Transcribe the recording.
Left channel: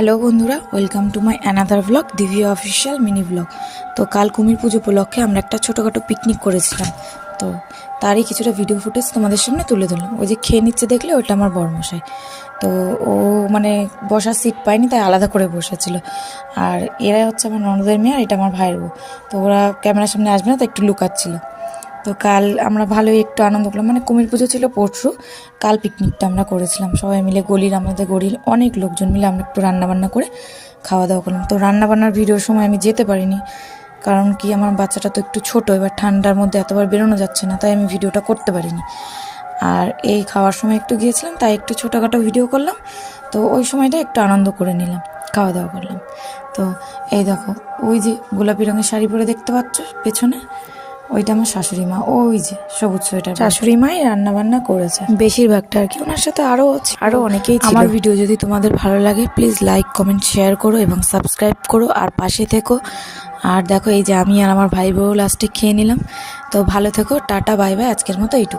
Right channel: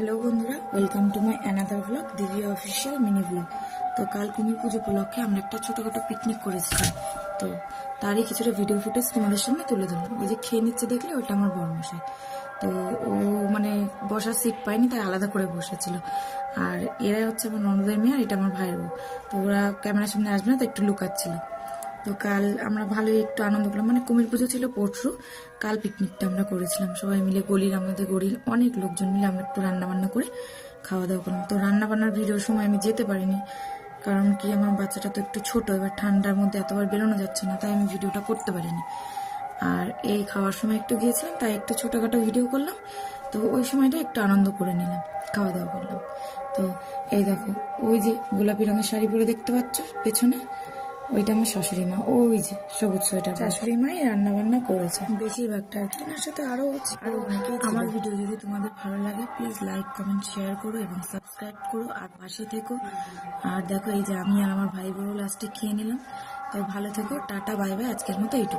Hello বন্ধুরা, welcome to my another blog, Divi official mini blog. তো কাল কুমির পুজো উপলক্ষে আমরা একটা ছোটোখাটো পিকনিক করেছিলাম। তো তারই কিছুটা ভিডিও ফুটেজ তোমাদের সামনে তুলে ধরলাম। ওই যে খেয়ে নিচ্ছে দেখলে, ওটা আমার বড়মশাই। তো ও মানে বসার সিট পায়নি, তাই আলাদা করে বসেছিল। আর এরাই হচ্ছে আমার ননদের মেয়ে, আর এটা আমার ভাইয়ের বউ। তো ওরা ক্যামেরার সামনে আসবে না, তো একটু লুকাচ্ছিল। তো কাল আমরা ভালোই একটু আনন্দ করলাম, মানে কুমির পুজো ছিল পরশু, কাল পিকনিকটা আমরা করেছিলাম সবাই মিলে। আমাদের গলির অনেক লোকজন মিলে আমরা একটু রান্নাবান্না করে খাওয়া দাওয়া করলাম। তো রান্নাবান্নার ভিডিওর সময় আমি যেতে পারিনি, কারণ কি আমার বাচ্চাটা তো একটু ছোটো, এবার ঠান্ডার মধ্যে এতবার বেরোনো যাচ্ছে না, তাই আমি ভিডিওটা করতে পারিনি। আর এই খাওয়ার সময় একটু গিয়েছিলাম, তাই একটু ছোটোখাটো ভিডিও করলাম। তো ওই সময়টা একটু আনন্দ করে নিলাম, খাওয়া দাওয়া করলাম। তো এই দেখো, ওই যে গোলাপি রঙের শাড়ি পরে দেখতে পাচ্ছ পেছনে, ওইটা আমার শাশুড়ি মা। ওই যে সবুজ সোয়েটার, শাশুড়ি মাই রান্না বান্না করেছে বেশিরভাগটা আর কি। ওনার সাথে আরো অনেকেই ছিল। আমার ভিডিও যদি তোমাদের ভালো লাগে, প্লিজ লাইক, কমেন্ট, শেয়ার করো এবং সাবস্ক্রাইব করো, আর পাশে থেকো। আর দেখো, এই যে আমি আর আমার ভাই বউ লাস্টে খেয়ে নিলাম। তো ভালো থেকো, টাটা, বাই বাই, আজকের মতো এইটুকু।